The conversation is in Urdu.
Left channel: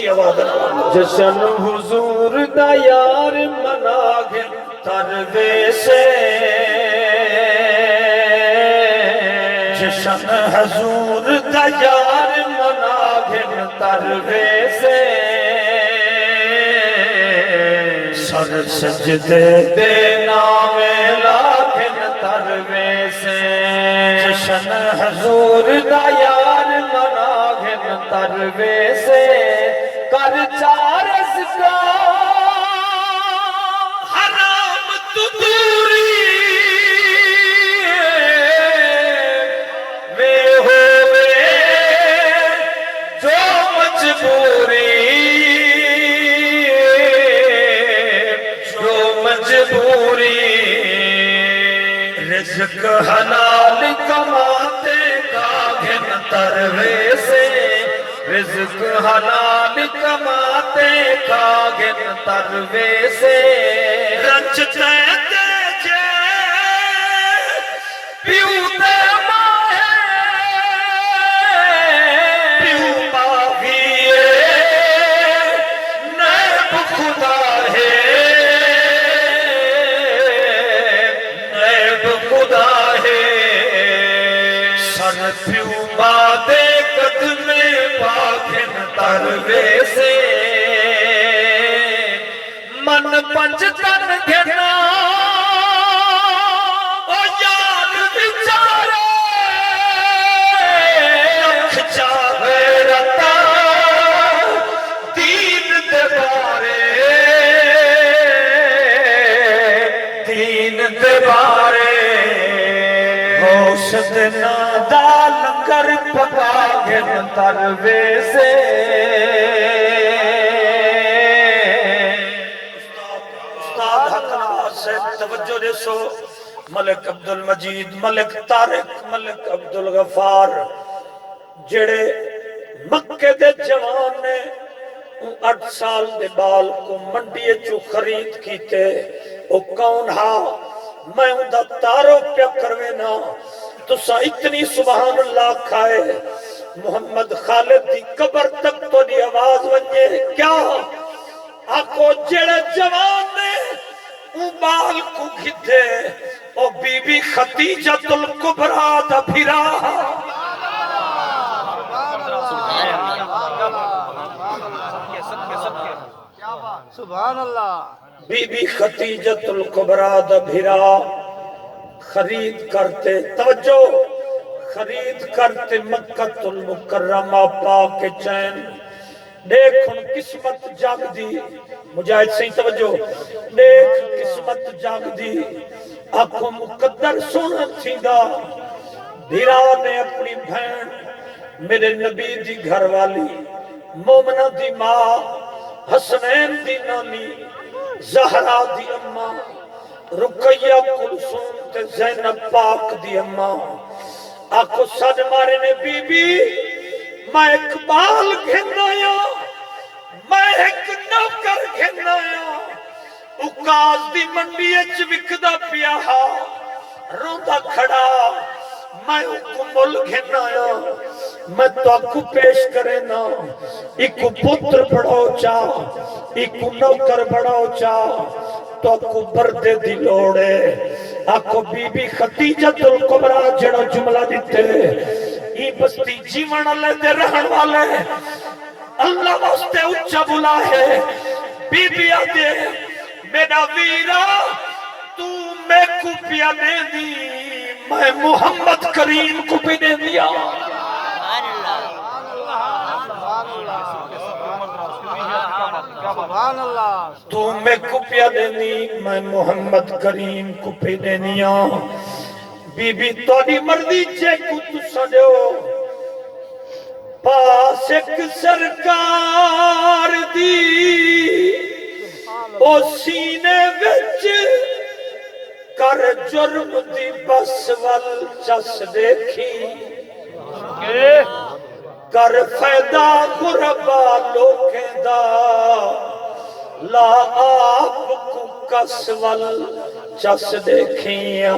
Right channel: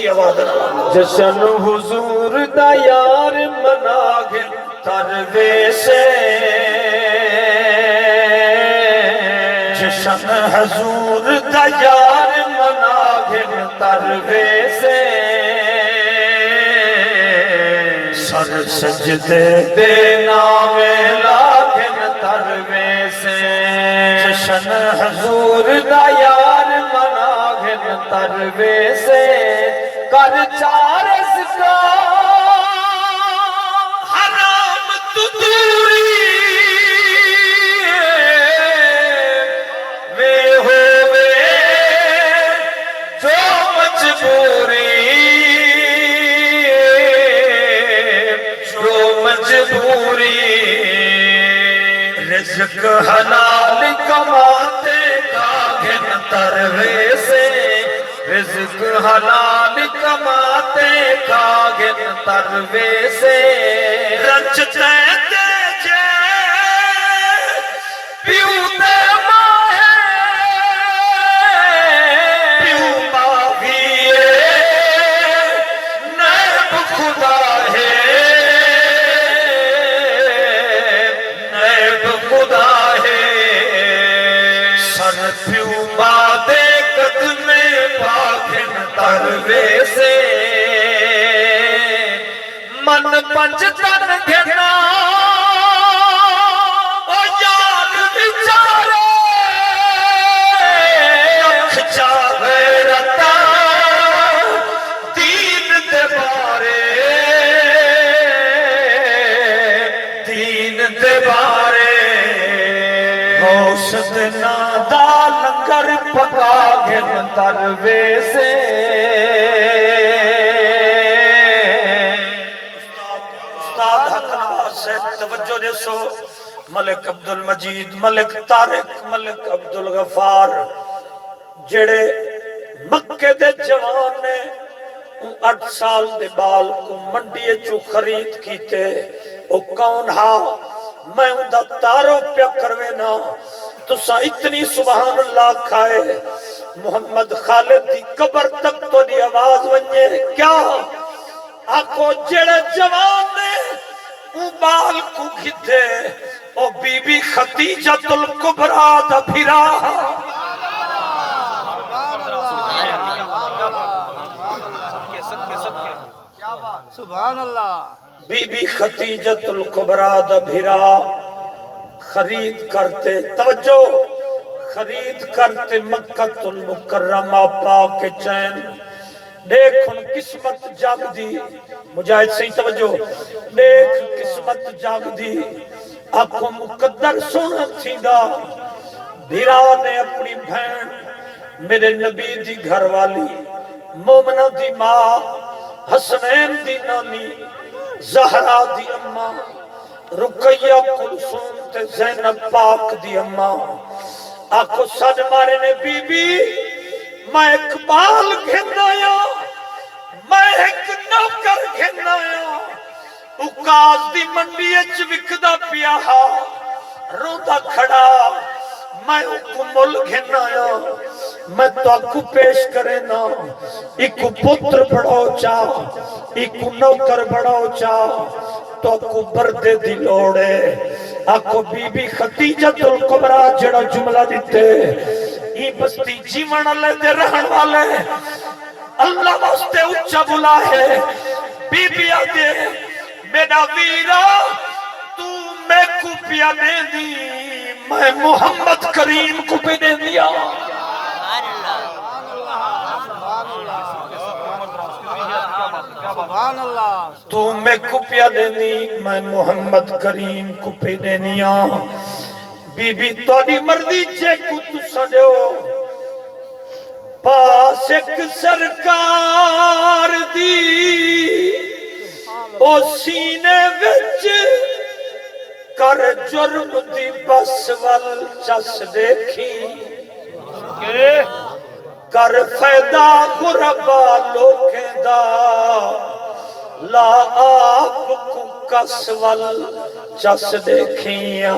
اچھی آواز ہے جشن حضور دا یار مناگے ترویسے جشن حضور دا یار مناگے ترویسے سر سجدے دینا ویلاکن ترویسے جشن حضور دا یار مناگن ترویسے کر چارس کا حرام تو دوری میں ہوئے جو مجبوری جو مجبوری رزق حلال کماتے کاغن ترویسے رزق حلال کماتے کاغن ترویسے رچتے تیجے پیوتے ماہے پیو ماہیے نیب خدا ہے نیب خدا ہے سر پیو بادے قدمے پاکن ترویسے من پنج تن گھنا او یار بچارے کھچا غیرتا دین دے بارے دین دے بارے گوشت نادا لنگر پکا گھن ترویسے استاد حق نواز سے توجہ دے سو ملک عبدالمجید ملک طارق ملک عبدالغفار جڑے مکے دے جوان نے 8 سال دے بال کو منڈی چو خرید کیتے او کون ہا میں ان دا تارو پیا کروے نا تسا اتنی سبحان اللہ کھائے محمد خالد دی قبر تک تو دی آواز ونجے کیا آکو جڑے جوان نے او بال کو گھدے او بی بی خدیجۃ الکبریٰ دا پھرا سبحان اللہ بی بی خدیجۃ الکبریٰ دا بھرا خرید کرتے توجہ خرید کرتے مکہ المکرمہ پاک چین دیکھ ان قسمت جاگ دی مجاہد صحیح توجہ دیکھ قسمت جاگ دی آنکھوں مقدر سنت تھی دا بھرا نے اپنی بہن میرے نبی دی گھر والی مومنہ دی ماں حسنین دی نامی زہرا دی اماں رقیہ کلثوم تے زینب پاک دی اماں آنکھوں سج مارے نے بی بی میں اقبال گھنایا میں ایک نوکر گھنایا اکاز دی منڈی اچ وکدا پیا ہا روندا کھڑا میں اکو مل گھنایا میں تو اکو پیش کرے نا اکو پتر بڑاو چاہ اکو نوکر بڑاو چاہ تو اکو بردے دی لوڑے اکو بی بی خدیجۃ الکبریٰ جڑا جملہ دیتے ای بستی جیون اللہ دے رہن والے اللہ واسطے اچھا بلا ہے بی بی آدھے میرا ویرا تو میں کو پیا دے دی میں محمد کریم کو پہ دے دیا سبحان اللہ تو میں کو پیا دے دی میں محمد کریم کو پہ دے دیا بی بی توڑی مردی چے کو تو سجو پاس ایک سرکار دی او سینے وچ کر جرم دی بس وال چس دیکھی کر فیدا غربا لوکیں دا لا آپ کو کس وال چس دیکھیاں